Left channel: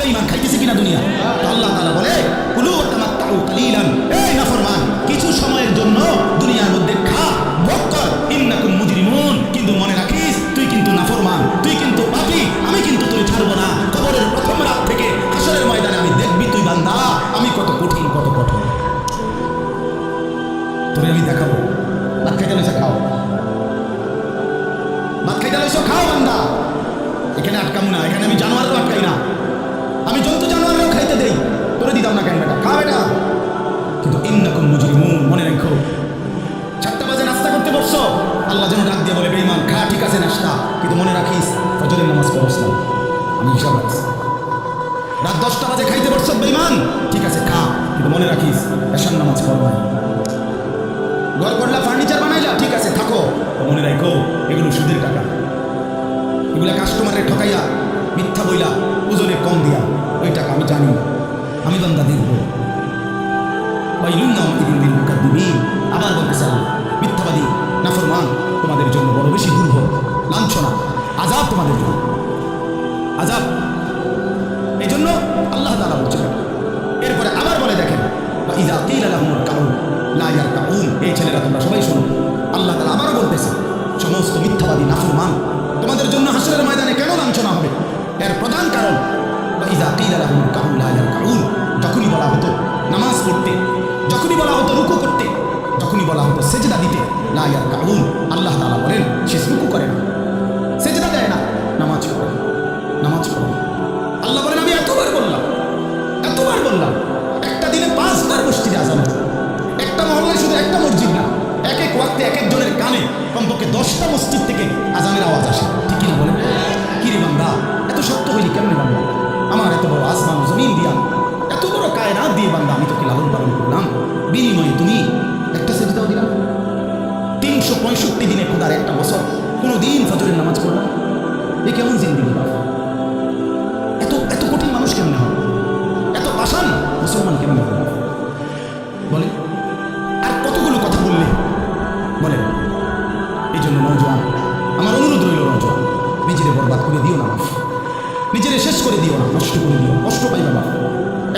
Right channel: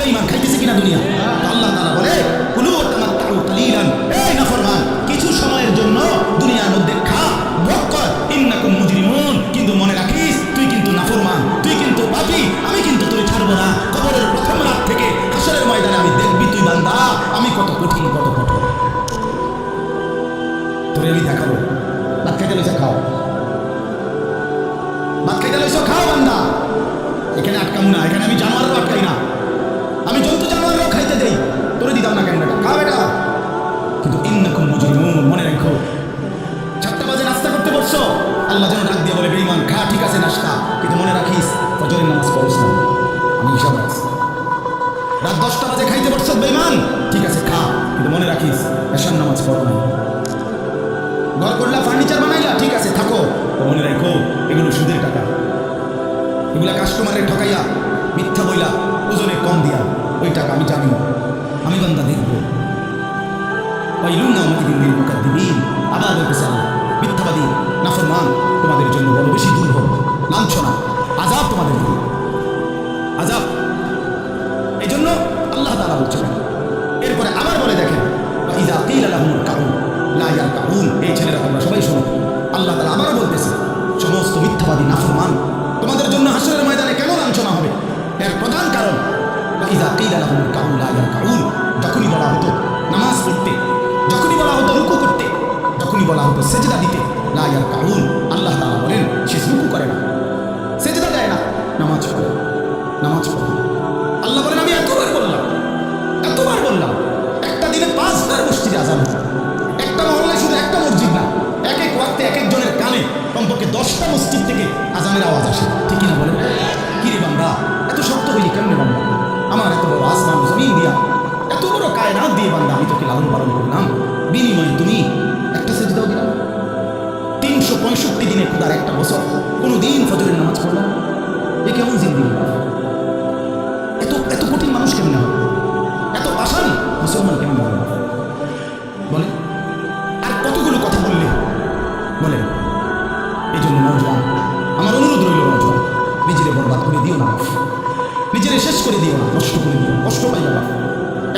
বেঈমান খাইতেছে কিনা দুনিয়া? তো আল্লাহ তাআলা বলে, কুলু তামাত্তাউ কালিলান। এই নাফরমান, কিছু সময়ের জন্য দুনিয়ার মধ্যে খা, ভোগ কর। ইন্নাকুম মুজরিমুন। কিন্তু মনে রাখিস, তুই কিন্তু নাফরমান, তুই কিন্তু পাপী, আমি কিন্তু তোরে ছাড়বো না। কবরের প্রথম রাত থেকে হাসরের ময়দানে আমি দেখবি তুই বান্দা, আমি কত কঠিন, কত কঠোর। তোরে আমি দেখাবো। ভাত খাইতে লইছে, খাও। ভাত খাইতে লইছো, খাও বান্দা। এখানে আটকামু না, এখানে আমি জানোয়ারও আটকাই না। আমি জন্তু জানোয়ারও খাইতে দেই। তোরে দিতাম না কেন বেটা? খা বেটা। কিন্তু ইন্নাকুম মুজরিমুন, মনে রাখো, চারটা বাজে নাস্তা করতে বসছো। আল্লাহ যেন ডাক দিয়ে বলে বেইমান খা, ঠিক আছে নাস্তা। কিন্তু মনে রাখিস, ফজরের নামাজ পড়স না। আমি হিসাব রাখছি। রাত দশটা বাজে খাইতে বসছো বেইমান ঠিক আছে, খা। কিন্তু মনে রাখিস, এশার নামাজ পড়ো নাই। ঘর করলা, ফার্নিচার বানাইলা, ঠিক আছে, থাকো। তো মনে রাখো, এগুলো সুদের টাকা। এগুলা কাস্টমারের ঠকাইয়া মিথ্যা বইলা ওজনে কম দিয়া ওই টাকা আমি জানি। আমি বান্দা দেখব। ওয়াইলুন আমাকে দিন দিন মুখার দিবিন আবার বলতেছে আল্লাহ, মিথ্যাবাদী, নাফরমান, তোমাদের জন্য বড় বেশি দুর্ভোগ, লাঞ্ছনা আজাব তোমাদের জন্য। আজাব এই জন্য আল্লাহ তালা বলছিলেন এরপরে আবার বলে দেখেন ইজা কিল আলাহমুল কাউন লাইয়ার কাউন এই ছেলেরা তোমরা সবাই শোনো। আল্লাহ তালা আবারও বলতেছে, সমস্ত মিথ্যাবাদী, নাফরমান, তোমাদের জন্য হাসরের ময়দানে কেন লাঞ্ছনা হবে? এর প্রধান কারণ ইজা কিল আলাহমুল কাউন লাইয়ার কাউন যখনই বলা হতো নামাজ পড়তে, যখনই বলা হতো রুকু করতে, যখনই বলা হতো সেজদা দিতে লাইয়ার কাউন আল্লাহ তালা বলেন, সে রুকু করে না। সেজদা দেয় না, নামাজ পড়ে নামাজ পড়ে আল্লাহ বলেন, আমি এতবার বললাম এতবার বললাম, একটা দিনে পাঁচবার মসজিদে আজান হয় একটা মহল্লায় শুধু একটা মসজিদ না এক এক ওয়াক্তে এক একজনের কানে কমপক্ষে দশটা মসজিদ থেকে আজানের আওয়াজ আসে। ঠিক কিনা বলেন? কি রে বান্দা এত শক্ত হইলি কেমনে বান্দা আমার এত বড় আসমান জমিন দিয়া এত বড় কায়নাত দিয়ে বান্দা, আমি তোকে লালন পালন করলাম। বিনিময়ে তুমি একটা সেজদাও দিলাম। তিনশো পঁয়ষট্টি দিনে খোদার একটা বছর কোনো দিন ফজরের নামাজ পড়লাম এ কেমন জিন্দিগি বাবা এত এত কঠিন মানুষ কেমনে হবে? এত পাষাণ মুসলমান কেমনে হবে? বলে আর কতগুলো কথা বললে? বলেন এই জন্য নজওয়ান আমার অনুরোধ রইল নজওয়ান নিজেরে বরবাদ করে দিও না বাপ। নিজেরে শেষ করে দিও না, নষ্ট করে দিও কষ্ট পাই বাবা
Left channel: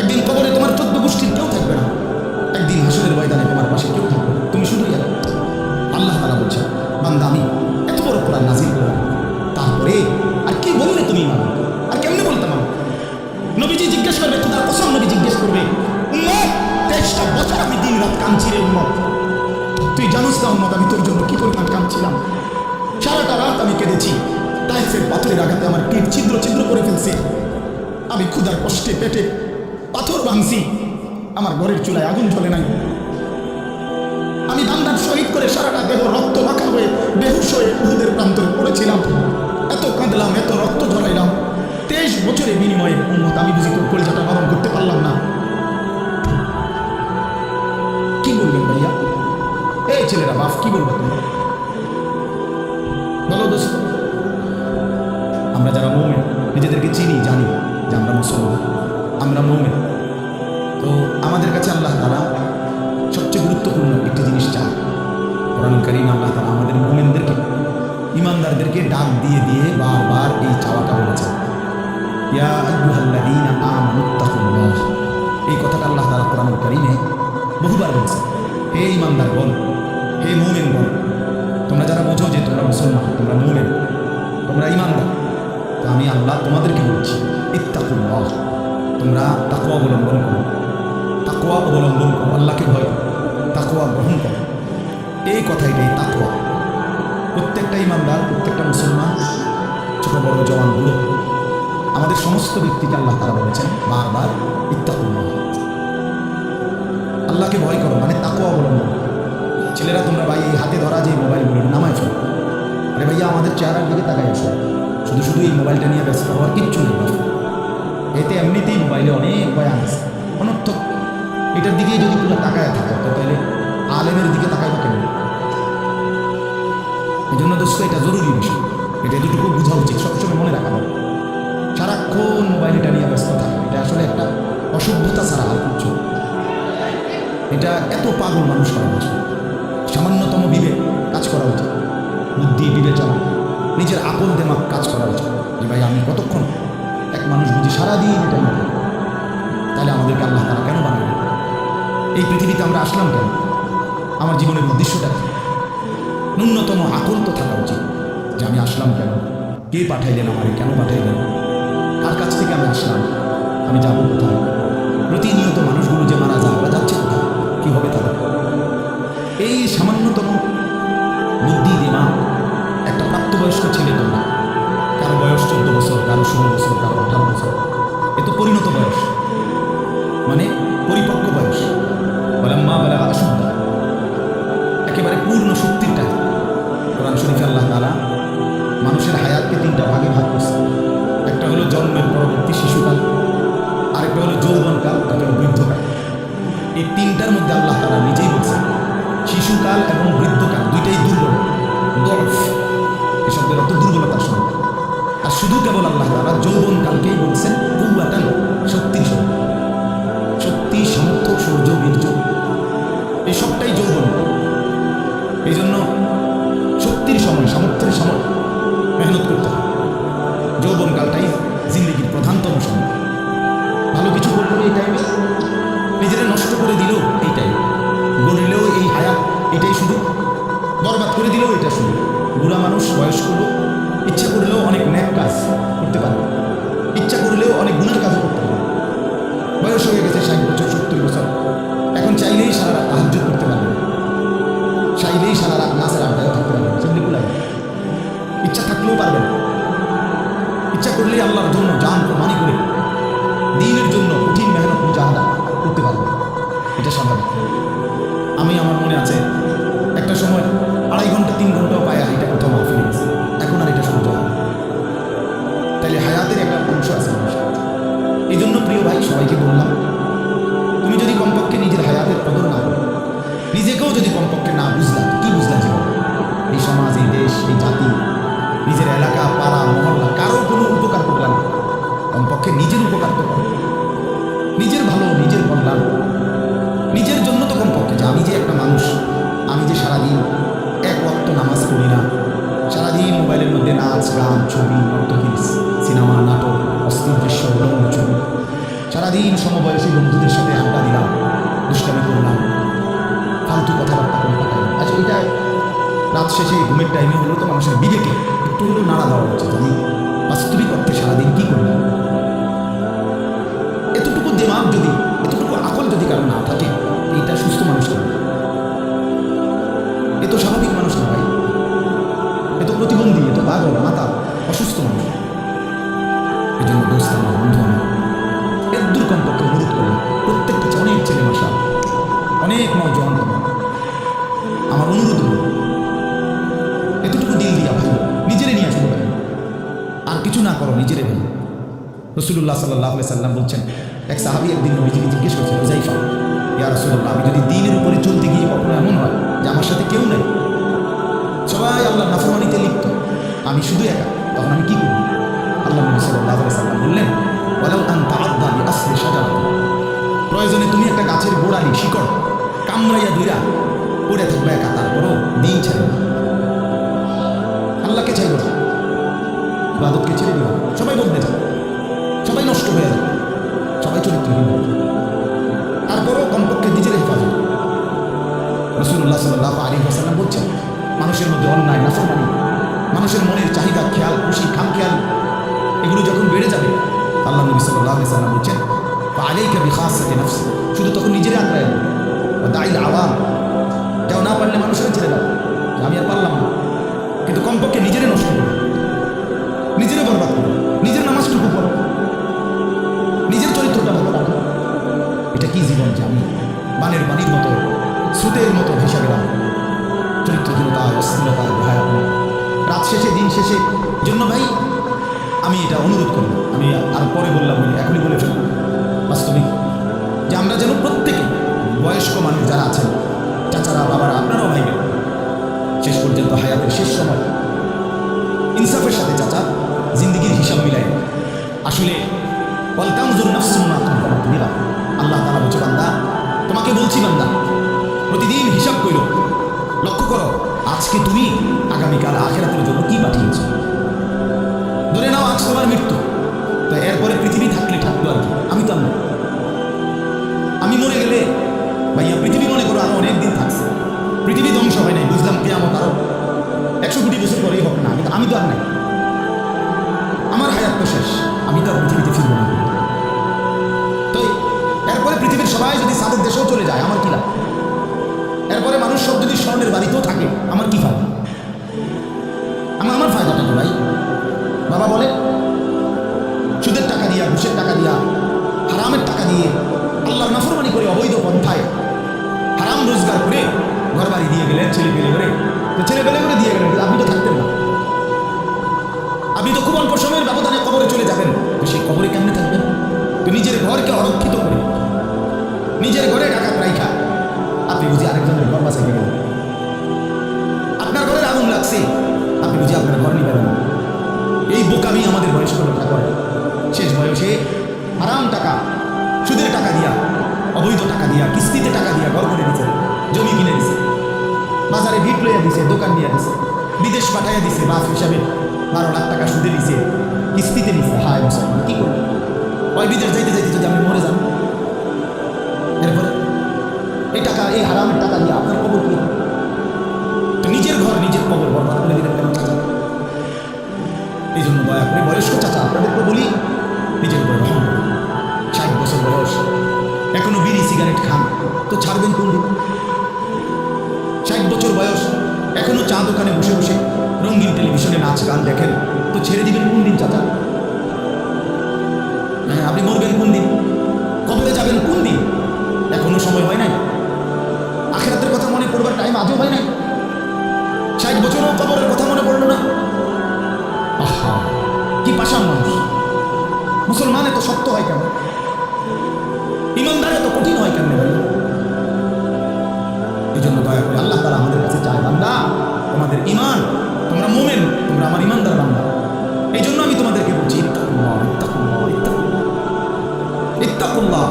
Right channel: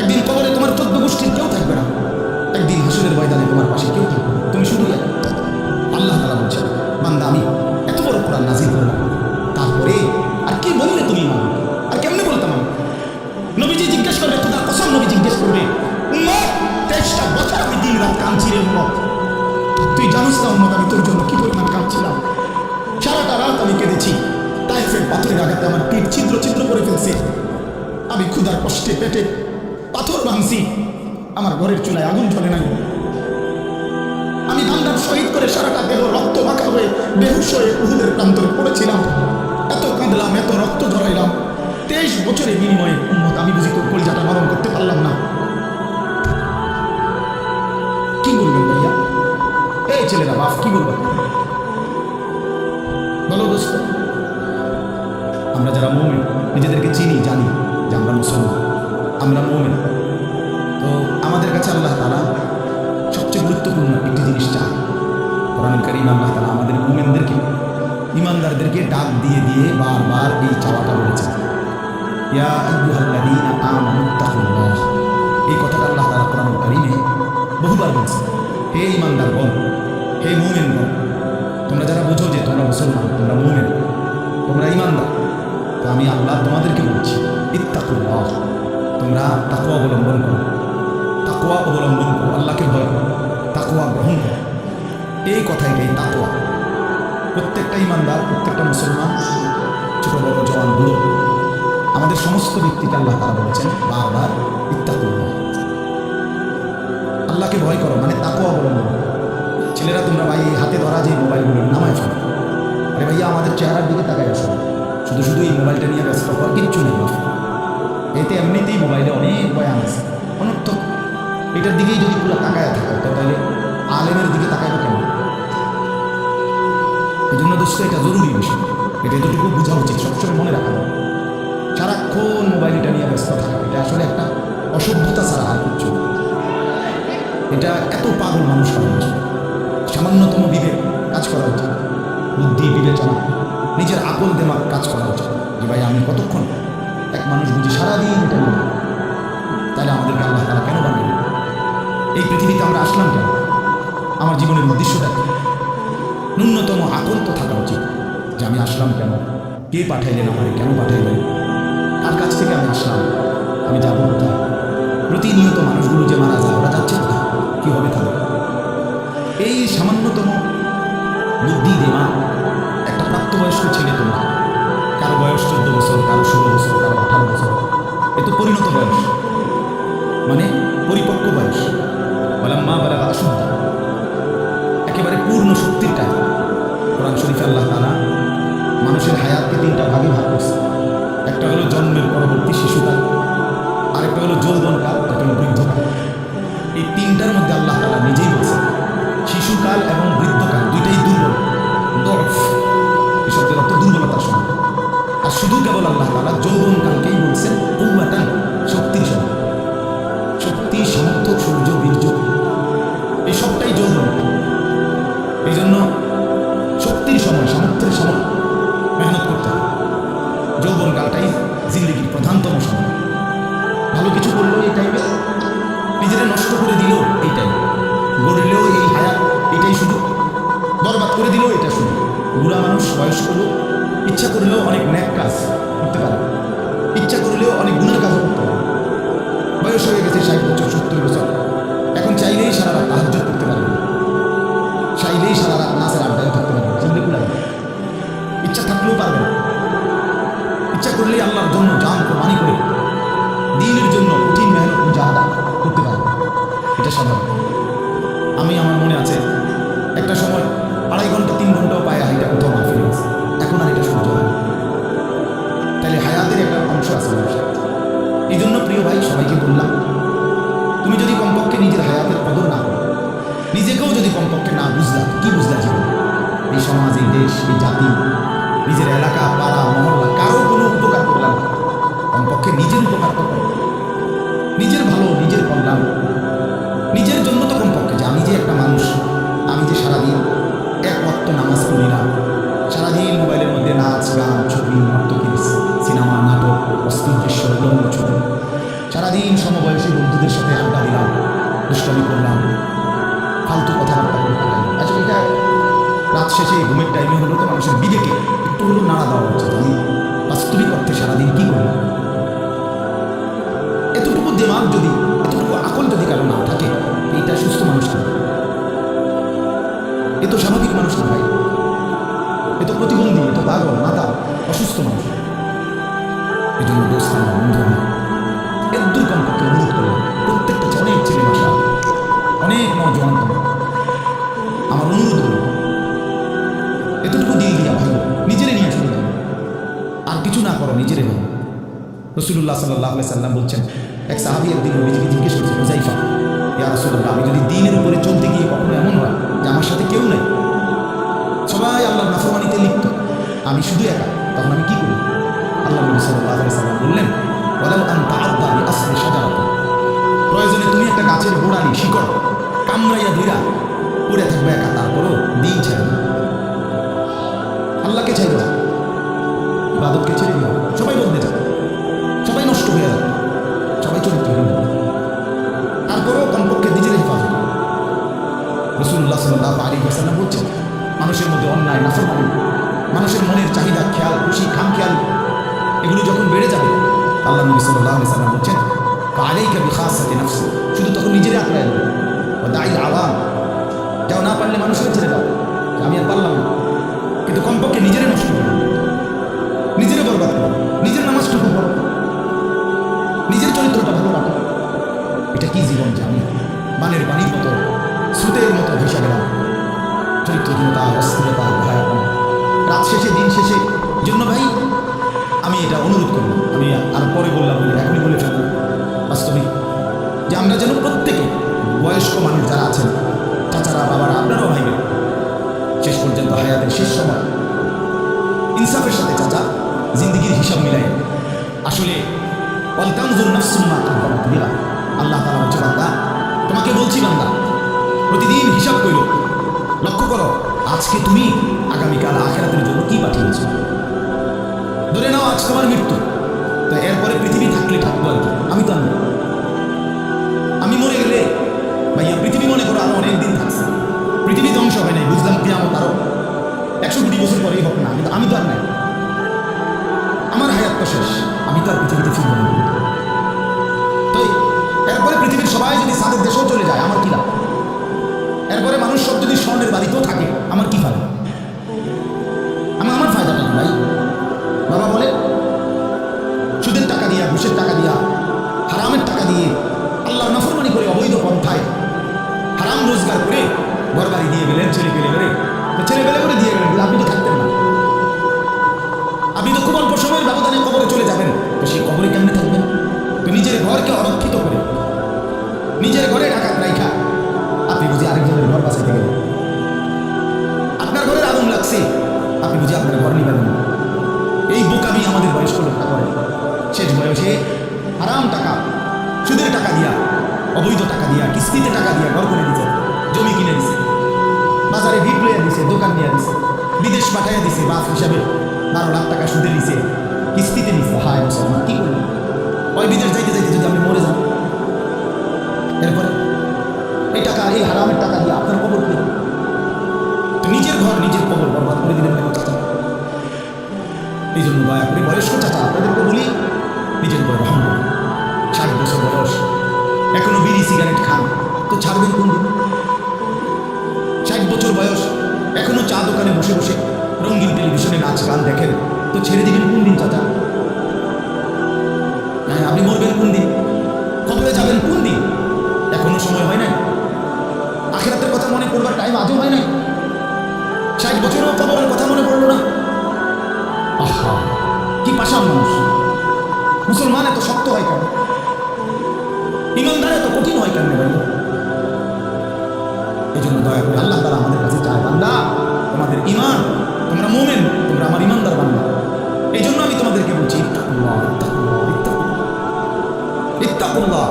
একদিন কবরে তোমার চোদ্দ গোষ্ঠীর কেউ থাকবে না। একদিন হাসুরের ময়দানে তোমার পাশে কেউ থাকবে তুমি শুধুই এক। আল্লাহ তালা বলছে বান্দা, আমি এত বড় কোরআন নাজির করলাম। তারপরে আর কি বললে তুমি মানো আর কেমনে বলতাম আমি? নবীজি জিজ্ঞেস করবে খোদার কসম নবী জিজ্ঞেস করবে, উম্মত, তেইশটা বছর আমি দিন রাত কাঁদছি রে উম্মত। তুই জানিস না উম্মত, আমি তোর জন্য কি পরিমাণ কাঁদছিলাম? সারাটা রাত আমি কেঁদেছি। টাইফের পাথরের আঘাতে আমার পিঠ ছিদ্র ছিদ্র করে ফেলছে। আমি ক্ষুধার কষ্টে পেটে পাথর ভাঙছি। আমার ঘরের চুলায় আগুন জ্বলে নাই। আমি দান্দার শহীদ করে সারাটা দেহ রক্ত মাখা হয়ে, বেহুশ হয়ে উহুদের প্রান্তরে পড়েছিলাম। এত কাঁদলাম, এত রক্ত ধরাইলাম তেইশ বছরের বিনিময়ে উম্মত, আমি বুঝি তোর কলিজাটা নরম করতে পারলাম না। কি বলবেন ভাইয়া? এই ছেলেরা বাপ কি বলবা তোমরা বলো দোস্ত। আমরা যারা মৌমেন, নিজেদেরকে চিনি, জানি যে আমরা মুসলমান। আমরা মৌমেন। তো আমাদের কাছে আল্লাহ তালা সবচেয়ে গুরুত্বপূর্ণ একটি জিনিস চায় কোরআন করিম আল্লাহ তালা আমাদের মোমেনদেরকে ইমানদারদেরকে ডাক দিয়ে দিয়ে বারবার এই চাওয়াটা বলেছেন। ইয়া এই কথাটা আল্লাহ তালা কোরআন কারীমে বহুবার বলছেন। হে ইমানদারগণ হে মুমিনগণ, তোমরা যারা বোঝো যে তোমরা মুসলমান, তোমরা মুমিন, তোমরা ইমানদার তো আমি আল্লাহ তোমাদেরকে বলছি, ইত্তাকুল্লাহ। তোমরা তাকুয়া অবলম্বন করো। তাকুয়া অবলম্বন করো, আল্লাহকে ভয় করো তাকুয়া গ্রহণ করো। এই কথাই এই তাকওয়া। প্রত্যেকটা ইমানদার, প্রত্যেকটা মুসলমান, ছোট বড় জওয়ান বুড়ো আমাদের সমস্ত ব্যক্তিকে আল্লাহ তারা বলেছেন বারবার, ইত্তাকুল্লাহ। আল্লাহকে ভয় করো মানে তাকুয়া অবলম্বন করো। ছেলেরা তোমরা ভাই, এই হাতে ধরা যে মোবাইলগুলো, নামায় ফেলো। আরে ভাইয়া, আমাদের চেহারার দিকে তাকাই আসো। শুধু শুধু এই মোবাইলটা নিয়ে ব্যস্ত হওয়ার কিচ্ছু নেই বাবা এতে এমনিতেই মোবাইলে অনেক বয়ান আছে। অনর্থক। এটার দিকেই যদি পুরো তাকায় থাকো তাহলে আলেমের দিকে তাকাইবা কেন? এই জন্য দোস্ত, এটা জরুরি বিষয়। এটা এতটুকু বোঝা উচিত, সবসময় মনে রাখা দরকার। সারাক্ষণ মোবাইল এটা নিয়ে ব্যস্ত থাকা, এটা আসলে একটা অসভ্যতা ছাড়া আর কিচ্ছু এটা এত পাগল মানুষ উচিত সামান্যতম বিবেক কাজ করা উচিত। বুদ্ধি, বিবেচনা। নিজের আকল দেমাক কাজ করা উচিত। যে ভাই, আমি কতক্ষণ এক মানুষ বুঝি সারাদিন এটা করে তাহলে আমাদেরকে আল্লাহ তারা কেন বানাইল এই পৃথিবীতে আমরা আসলাম কেন? আমার জীবনের উদ্দেশ্যটা কি? ন্যূনতম আকল তো থাকা উচিত যে আমি আসলাম কেন? কে পাঠাইলেন আমারে? কেন পাঠাইলেন? কার কাছ থেকে আমি আসলাম? আমি যাব কোথায়? প্রতিনিয়ত মানুষগুলো যে মারা যায়, ওরা যাচ্ছে কোথায়? কি হবে তাদের? এই সামান্যতম বুদ্ধি দেমা একটা প্রাপ্তবয়স্ক ছেলে তোমরা। কারও বয়স চোদ্দ বছর, কারও ষোলো বছর, কারও আঠারো বছর। এ তো পরিণত বয়স। মানে পরিপক্ক বয়স। বলাম্মা বেলা আসুদ্ধা একেবারে পূর্ণ শক্তির কোরআন শরীফে আল্লাহ তালা মানুষের হায়াতকে তিনটা ভাগে ভাগ করছে। একটা হলো জন্মের পরবর্তী শিশুকাল, আরেকটা হলো যৌবনকাল একটা হলো বৃদ্ধকাল। এই তিনটার মধ্যে আল্লাহ তালা নিজেই বলছেন, শিশুকাল এবং বৃদ্ধকাল দুইটাই দুর্বল। দরফ এই শব্দের অর্থ দুর্বলতার সঙ্গে আর শুধু কেবল আল্লাহ তালা যৌবনকালকেই বলছেন কৌয়াটান শক্তির সঙ্গে শক্তি, সামর্থ্য, সূর্য, বীর্য, এই সবটাই যৌবন। এই জন্য শক্তির সময়, সামর্থ্যের সময় মেহনত করতে হয়। যৌবনকালটাই জিন্দগির প্রধানতম সময়। ভালো কিছু করলেও এই টাইমে নিজেরা নষ্ট করে দিলেও এই টাইমে গড়লেও এই হায়াত, এটাই শুধু বরবাদ করে দিলেও এটা শুধু বুড়া মানুষ, বয়স্ক লোক, ইচ্ছা করলেও অনেক ন্যাক কাজ করতে পারে। ইচ্ছা করলেও অনেক গুণের কাজও করতে পারে। বয়স হয়ে গেছে ষাট বছর, সত্তর বছর। এখন চাইলেই সারা রাত তাহাজ্য করতে পারবে না। চাইলেই সারা রাত নাচের আড্ডায়ও থাকতে পারবে না। সেগুলি কুলাই ইচ্ছা থাকলেও পারবে না। ইচ্ছা করলেই আল্লাহর জন্য জান কোরবানি করে দিনের জন্য কঠিন মেহনত মুজাহাদা করতে পারবে। এটা স্বাভাবিক। আমি, আমার মনে আছে, একটা সময় আড়াই ঘণ্টা, তিন ঘন্টাও পায়ে হাইটা কোথাও মা ফিরে গেছে এখন আর এটা সহ্য হয় না। তাহলে হায়াতের একটা অংশ আছে মানুষের। এই জন্য প্রিয় ভাই, সবাইকে বললাম, তুমি যদি কমপক্ষে নিজের হায়াতের কদর না করো, নিজেকেও যদি কমপক্ষে না বুঝলা, কি বুঝলা জীবন? এই সমাজ, এই দেশ, এই জাতি, নিজের এলাকা, পাড়া, মহল্লা, কারও কোনো উপকার করলাম না। কমপক্ষে নিজের উপকার তো করো। নিজের ভালো, নিজের কল্যাণ। নিজের জন্য তো কমপক্ষে যে আমি যে একটা মানুষ, আমি যে সারাদিন ওয়াক্ত নামাজ পড়ি না। সারাদিন মোবাইলের মধ্যে নাচ, গান, ছবি নর্তকী সিনেমা, নাটক, অস্থির দৃশ্য, উলঙ্গ ছবি। সারাদিন সমবয়সী বন্ধুদের সাথে আড্ডা দিলাম, দুষ্টামি করলাম, ফালতু কথাবার্তা করে কাটাই আচ্ছা এটা রাত শেষে ঘুমের টাইমে হলো তো মানুষের বিবেকে একটু হলো নাড়া দেওয়া উচিত। আমি বাস্তবিক অর্থে সারাদিন কি করলাম এতটুকু দেমাগ যদি, এতটুকু আকল যদি কারও না থাকে এটা সুস্থ মানুষ কেন এ তো স্বাভাবিক মানুষ না ভাই। এ তো প্রতিবন্ধী, এ তো পাগল, মাতা, অসুস্থ মানুষ। এই জন্য দোস্ত আমার, বন্ধু আমার, এর দূর কমপক্ষে অনুরোধ করলাম, প্রত্যেকটা অনেক ছেলে মাসা, অনেক নজওয়ান তোমার। আমার অনুরোধ রইল, এতটুকু দিল দিয়া ভাই নিজেরে নিয়ে শুধু ভাই আর কিছু না করো, নিজেরে ভাই রসুল্লাহ সাল্লাহ সাল্লাম বলছেন, এক সাহাবি একদিন নবীজিকে জিজ্ঞেস করছে হুজাইফা ইয়া রসুল্লাহ আমি যদি দিনের উপরে চলতে গিয়ে কখনো এমন হয় যে আমার সাথে কেউ নাই? সবাই আল্লাহর নাফরমানিতে লিপ্ত। আমি শুধু একা, তখন আমি কি করি আল্লাহ নবী সাল্লাহ সাল্লাম বললেন ওলাউ আন তাআদ্দা বি আসলি সাজারাত প্রয়োজনে তুমি একটা গাছের গোড়ালি, শিকড় কামড়াইয়া ধইরা পড়ে থাকবে একা, তারপরও দিন ছেড়ে না। আল্লাহকে চাইব না। ছেড়ে দিও সবাই বদলে যাবে। সবাই নষ্ট হয়ে যাবে। সবাই চরিত্রহীন হবে তারপরেও কমপক্ষে নিজের হেফাজত। রসুল্লাহ সাল্লাহ আলী হাসাল্লাম বলছেন, মানুষের মধ্যে অন্যায়, নাফরমানি, মানুষের মনের চাহিদা, খেয়াল, খুশি খাম খেয়াল এগুলো যখন বেড়ে যাবে আল্লাহ নবী সাল্লাহ আলি সাল্লাম বলছেন আলাই কবি খাস সাথে নাফসি শুধু তখন নিজেরই আঁকড়ায় দেবে ও দাইল আওয়াম, যাও না পারলে মানুষের ছেড়ে দাও আমি আর পারলাম না। কিন্তু কমপক্ষে নিজেরে নষ্ট করো, নিজেরে বরবাদ করো, নিজের নামাজটুকু পড়ো, নিজের চরিত্রটা ভালো রাখো। এটা কি জীবন আমি বানের পানির মতো, স্রোতের মতো ভেসে গেলাম? চরিত্রহীনতা, অস্থিরতা, ভয়াপন। রাত শেষে, দিন শেষে, জন্য ভাই, আমি এটা অনুরোধ করলাম। আমি আর পরে বললাম বলে এখনই বলে ফেলব বাস্তবিক, যে আমরা যেন প্রত্যেকে, বয়স্ক মানুষ যারা আছেন, চাচারা, বাবারা, আপনারাও ভাইবেন, শেষ পর্যন্ত হায়াতের শেষ সময়, ইনসাফের সাথে চাচা, জিন্দিগির হিসাব মিলাই আসলে অলতামজুর কদ্দামাত লিগা আল্লাহ তাআলা বলছে, বান্দা, তোমাকে বলছি বান্দা, প্রতিদিন হিসাব কইরো, লক্ষ্য করো, আজকে তুমি আগামীকাল আখেরাতের জন্য কি পাঠিয়েছো? ধরে নাও, আজ তোমার মৃত্যু। তো এরপরে পৃথিবী থাকলে থাকতো আর কি, আমি তো। আমি মরে গেলে, ভাইয়া, পৃথিবী মনে করো আরও অনেক দিন থাকছে। পৃথিবী ধ্বংস হয় নাই, বুঝলাম কে আমার আরও একশো কোটি বছর পরেই হোক না, আমি তো আমি তো আর নাই। আমার হায়াত তো শেষ, আমি তো আর পৃথিবীতে ফিরবো না। এরপরে পৃথিবীর সবাই যদি সাদের দেশেও চলে যায়, আমার কি লাভ? এরপরে মানুষ সব যদি স্বর্ণের বাড়িতেও থাকে, আমার কি ফায়দা? আমার আমার ফায়দাটা কি ভাই? বাবা বলে, সুদের টাকা দিয়া, ঘুষের টাকা দিয়া, হারামের টাকা দিয়ে আল্লাহর নাফরমানি করে অবৈধ পন্থায় হারাম রোজগার করে ঘর বাড়ি দিয়ে গেলেন, ছেলে পেলে করে। তো ছেলে পেলে করে দিয়ে গেলেন আপনি তো থাকতেন না। আপনি তো খুব অল্প সময়ের ব্যবধানে কবরে চলে যাবেন। তো সেই কবরে কেমনে থাকবেন? তো নিজের ঘরকে অরক্ষিত করে নিজের ঘরে ডাকাত রাইখা আপনি বুঝি আরেকজনের ঘর বাঁচাইতে গেলেন? আপনার ঘরের আগুন লাগছে। আপনি বুঝি আপনার ঘর নিবেন না। এই বোকামি আমাদের বয়স্ক লোকরা করে। শেষ বয়সে আরাম টাকা, সুদের টাকা দিয়া, অবৈধ টাকা দিয়া, কিস্তিতে টাকা দিয়া ঘর করে দিছে। জমি কিনে দিছে। বাজারে ভিট লইয়া দিছে, দোকান নিয়ে দিছে। বিদেশ পাঠাইয়া দিছে, বাপ হিসাবে বারো লাখ টাকা সুদে নিছে। কিস্তিতে নিছে। হায় মুসলমান, কি করলেন? ওই বিদেশ যাইতে যাইতে যদি আপনি মরে যান, এরপরে এই টাকা, এই হারামের টাকা দিয়ে আপনার কবর কি নিজের ঘর, নিজের কবর বরবাদ করে দিলেন কেন চাচা? এই জন্য দয়া করে বয়স্ক চাচা, আপনাদেরকে বলি, নিজের উপরে রহম করুন। ষাট বছর বয়স, এখনও বিড়ি, সিগারেট খান। তো ছাড়বেন কোন দিন ষাট বছর বয়স, এখনও চা দোকানে বসে বসে রঙিন টেলিভিশনে নাচ, গান দেখেন। তো ছেড়ে দিবেন কোন দিন চাচা? হ্যাঁ আপনি মরবেন কোন দিন? কবরে যাবেন কোন দিন? এখনও সময় হয় নাই। আখেরাতের কথা মনে করবার টাইম আজও হয় নাই। ষাট বছরও কবরের কথা মনে পড়ল না। আহা, কি পাশান মানুষ। মুসলমান এত শক্ত হয় কেন? ইমানদার এত কঠিন হয় কেন ভাই? এই জন্য দয়া করে আল্লাহ তারা আমাদের কাছে চায়, বান্দা, তোমাদের ইমান তোমরা মোমেন, তোমরা আমার ইমানদার বান্দা। এই জন্য আমি তোমাদেরকে বলছি, ইত্তাকুল্লাহ ইত্তাকুল্লাহ ইত্তাকুল্লাহ। ইত্তাকুল্লাহ।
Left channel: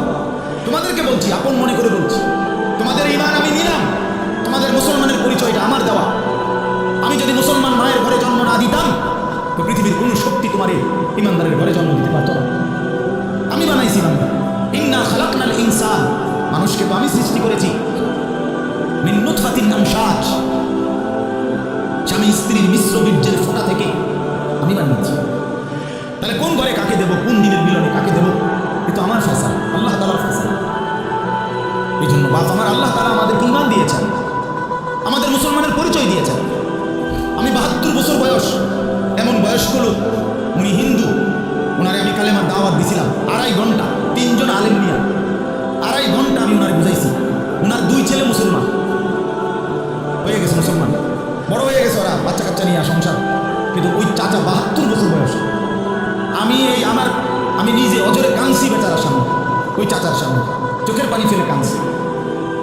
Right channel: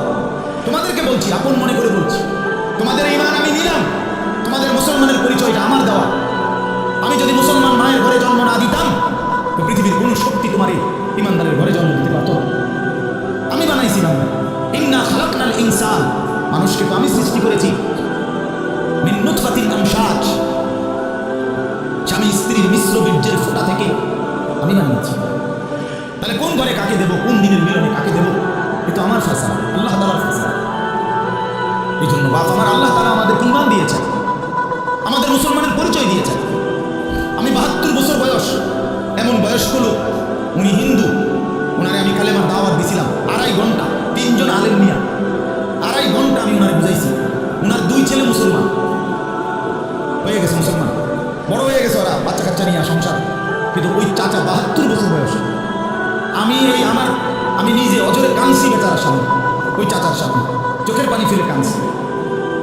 তোমাদেরকে বলছি, আপন মনে করে বলছি। তোমাদের ইমান আমি নিলাম। তোমাদের মুসলমানের পরিচয়টা আমার দেওয়া। আমি যদি মুসলমান মায়ের ঘরে জন্ম না দিতাম, তো পৃথিবীর কোনো শক্তি তোমার ইমানদারের ঘরে জন্ম দিতে পারতো না। আমি বানাইছি বান্দা। ইন্না খালাকনাল ইনসান। মানুষকে তো আমি সৃষ্টি করেছি। নুতফাতিন আমশাজ। স্বামী স্ত্রীর মিশ্র বীর্যের ফোঁটা থেকে আমি বানিয়েছি। তাহলে কোন ঘরে কাকে দেব, কোন দিনের মিলনে কাকে দেব? এ তো আমার ফেসলা আল্লাহ তালার ফেসলা এই জন্য বাপ আমার, আল্লাহ তালা আমাদেরকে ইমান দিয়েছেন। আমাদের মুসলমানের পরিচয় দিয়েছেন। আমি বাহাত্তর বছর বয়স, এমন বয়স্ক লোক, উনি হিন্দু। ওনারে আমি কালে কালেমার দাওয়াত দিছিলাম, আড়াই ঘণ্টা, তিনজন আলেম নিয়া। আড়াই ঘণ্টা আমি ওনারে বুঝাইছি। ওনার দুই ছেলে মুসলমান। হয়ে গেছে মুসলমান। বড় হয়ে গেছে ওরা বাচ্চা কাচ্চা নিয়ে সংসার। কিন্তু ওই চাচা বাহাত্তর বছর বয়স। আমি এই আমার আমি নিজে অজরে কাঁদছি বেচারার সামনে, ওই চাচার সামনে, চোখের পানি ফেলে কাঁদছি।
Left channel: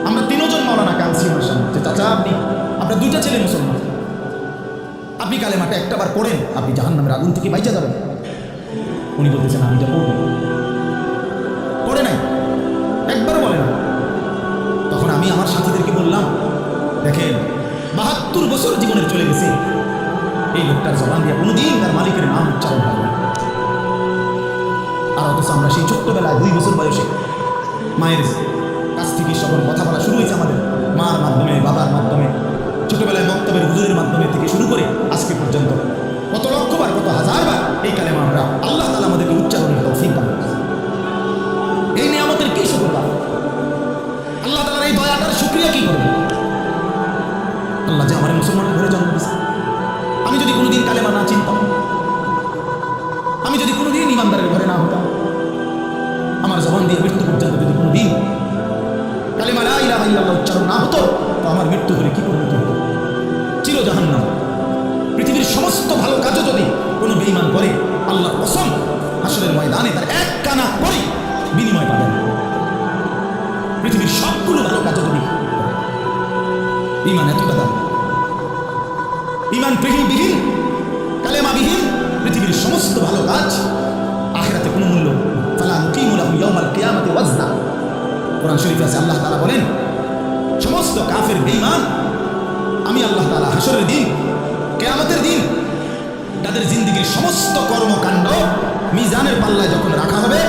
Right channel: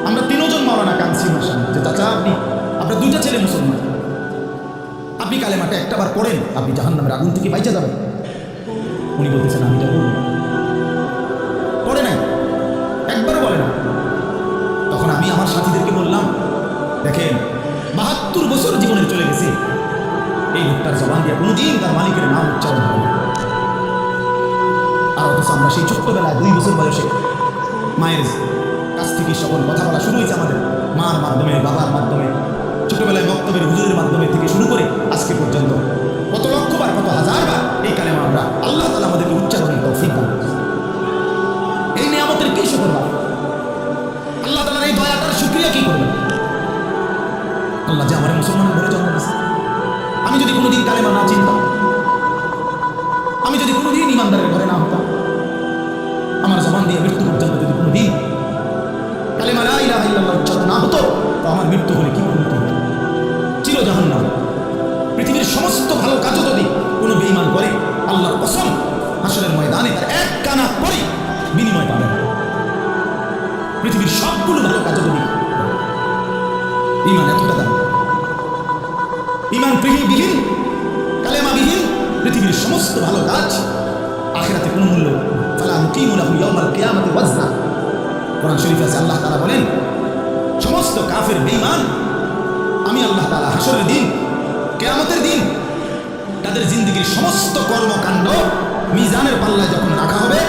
আমরা তিনজন মাওলানা কাঁদছি ওনার সামনে, যে চাচা আপনি আপনার দুইটা ছেলে মুসলমান। আপনি কালেমাটা একটা বার পড়েন, আপনি জাহান নামের আগুন থেকে বাইচা যাবেন। উনি বলতেছেন, আমি এটা পড়ব। পড়ে নাই, একবারও বলে না। তখন আমি আমার সাথীদেরকে বললাম, দেখেন, বাহাত্তর বছর জীবনের চলে গেছে। এই লোকটার জবান দিয়ে কোনোদিন তার মালিকের নাম উচ্চারণ হবে। আর অথচ আমরা সেই ছোট্টবেলায় দুই বছর বয়সে মায়ের কাছ থেকে সকল কথা বলা শুরু হয়েছে আমাদের। মার মাধ্যমে, বাবার মাধ্যমে, ছোটবেলায় মক্তবের হুজুরের মাধ্যমে থেকে শুরু করে আজকে পর্যন্ত কত লক্ষবার, কত হাজারবার এই কালেমা আমরা আল্লাহ তালা আমাদেরকে উচ্চারণের তৌফিক দান। এই নিয়ামতের কি শুক্রবার আল্লাহ তালার এই দয়াটার শুক্রিয়া কি করবেন আল্লাহ যে আমার মুসলমানের ঘরে জন্ম দিয়েছে। আমি যদি কোনোদিন কালেমা না চিনতাম আমি যদি কোনোদিন ইমানদারের ঘরে না হতাম, আমার জবান দিয়ে মৃত্যু পর্যন্ত যদি কোনোদিন কালেমা লা ইলাহা ইল্লাল্লাহ উচ্চারণ না হতো, তো আমার মৃত্যু হলে কি পরিণতি হতো? চির জাহান্নাম পৃথিবীর সমস্ত ভালো কাজও যদি কোনো বেঈমান করে, আল্লাহর কসম, হাসরের ময়দানে তার এক কানা করেই বিনিময় পাবে না। পৃথিবীর সবগুলো ভালো কাজও যদি করে। ইমান এতটা দাম। ইমান বিহীন, কালেমাবিহীন পৃথিবীর সমস্ত ভালো কাজ আখেরাতে কোনো মূল্য ফালা নুকিমুলাহু ইয়াউমাল কিয়ামাতি ওয়াজনা। কোরআন শরীফ আছে, আল্লাহ তালা বলেন, সমস্ত কাফের বেইমান আমি আল্লাহ তাআলা হাসরের দিন, কিয়ামতের দিন তাদের জিন্দিগির সমস্ত কর্মকাণ্ড মিজানের পাল্লায় যখন রাখা হবে